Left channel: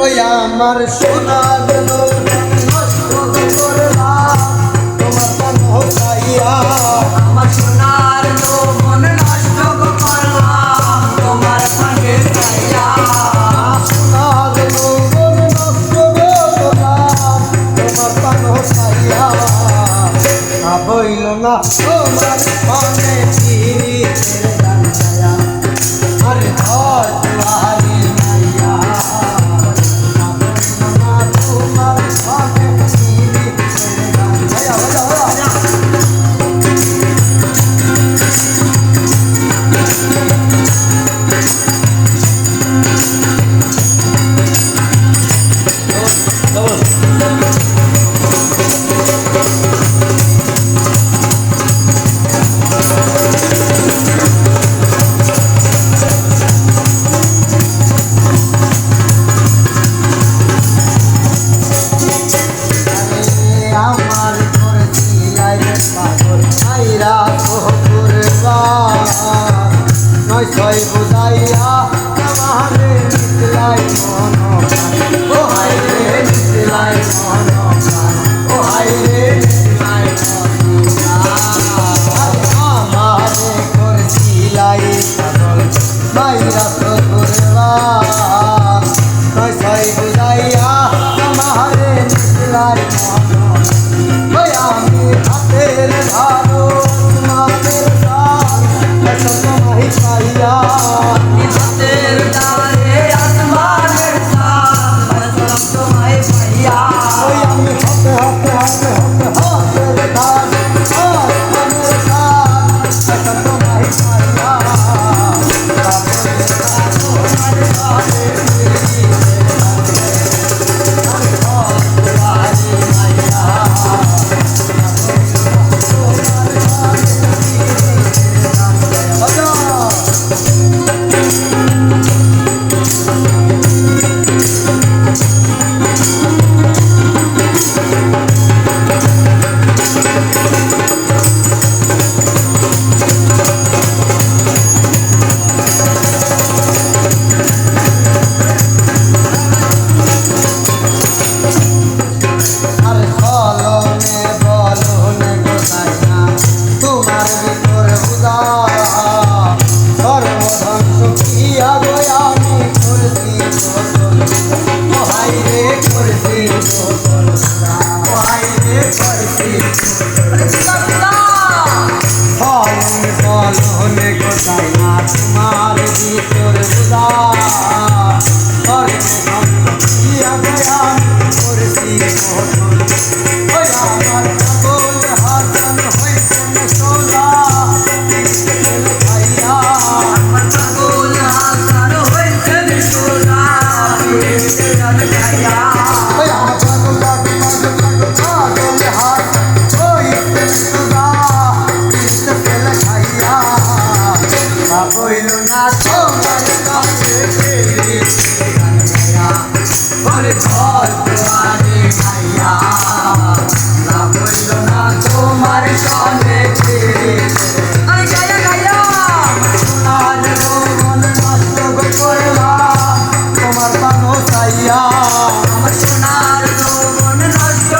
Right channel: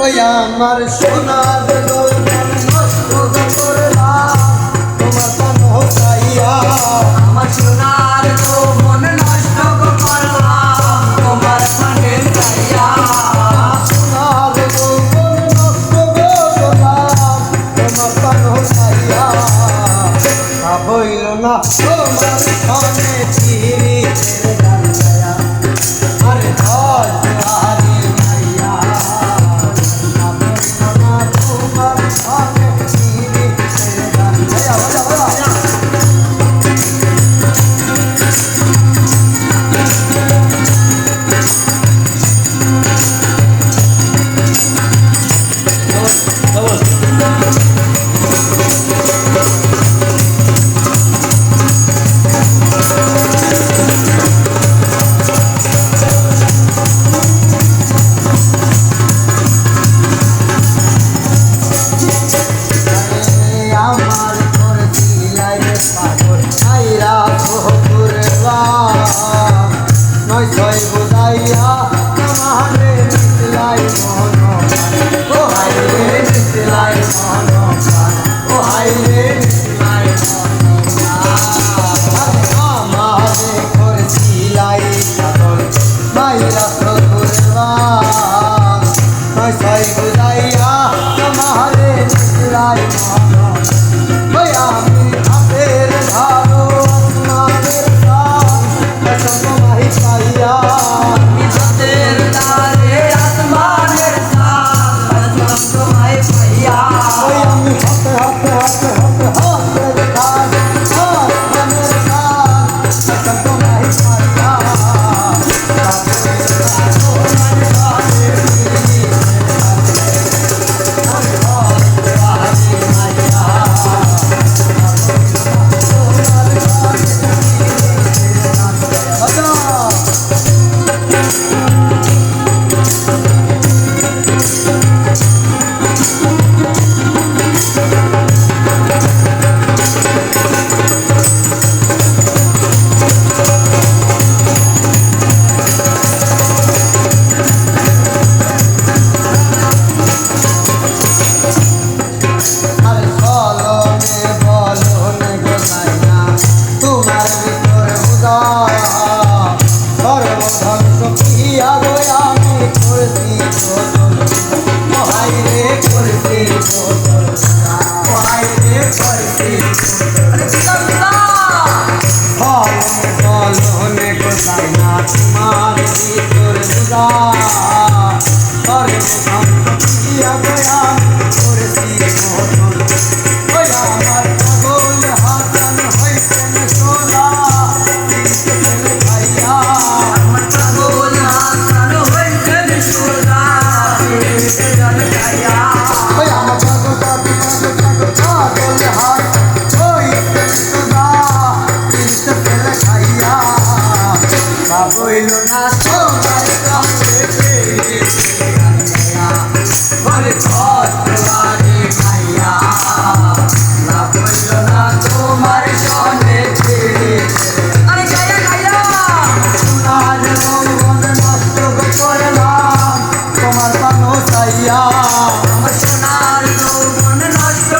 ওই আমার সোনার যৌবন নষ্ট করলাম তোমার পান চাইয়া। আমার সোনার যৌবন নষ্ট করলাম তোমার পানে চাইয়া। সোনার যৌবন নষ্ট করলাম তোমার পান চাইয়া। বইল না তোমার সনে পিরিতের গান গায়া। আরে দশ দুয়ারি মাইয়া বইল না তোমার সনে পিরিতের গান গায়া। বাজা বাজা আমার করছিলাই রে পাগল আইরা সোহতুরবা। নয় ছয় বুঝাইয়া আমারে নিতলাই মন প্রাণ। ও হাই রে নিতলাই মন প্রাণ। ও হাই রে নিতলাই মন প্রাণ। আমারে করছিলাই পাগল মাইরা সোহতুরবা। নয় ছয় বুঝাইয়া আমারে নিতলাই মন। আমি হাতের ধারো আসমানের গান এখন তোমায় পাইয়া। আমি হাতের ধারে আসমানের চাঁদ বাজলাম তোমায় পাইয়া। ওই আমি হাতে হাতে হাতে হাতে হাতের ধারো আসমানের গান এখন তোমায় পাইয়া। তোমার ভিতর বুঝা সর্বধ্বংস পিয়া গো আমি করছি বোতল। ও হাই রে করছি বোতল। ও হাই রে করছি ফলন বলনে গোসাই না তোমার ভিতর বুঝা সর্বধ্বংস পিয়া গো আমি করছি বোতল। ওই আমার পাগল হাসান হইছেন সোলা পিরিতে তেল খাইয়া। আমার পাগল হাসান হইছেন সোলা পিরিতে তেল খাইয়া। ওই আমার পাগল পাগল পাগল পাগল পাগল হাসান হইছেন সোলা পিরিতে তেল খাইয়া। বইল না তোমার সঙ্গে পিরিতের গান গায়া। ওরে ঘর দুয়ারে মাইয়া বইল না তোমার সনে পিরিতের। আরে গায়া গায়া সোনার যৌবন নষ্ট করলাম তোমার পান চাইয়া। আমার সোনার যৌবন নষ্ট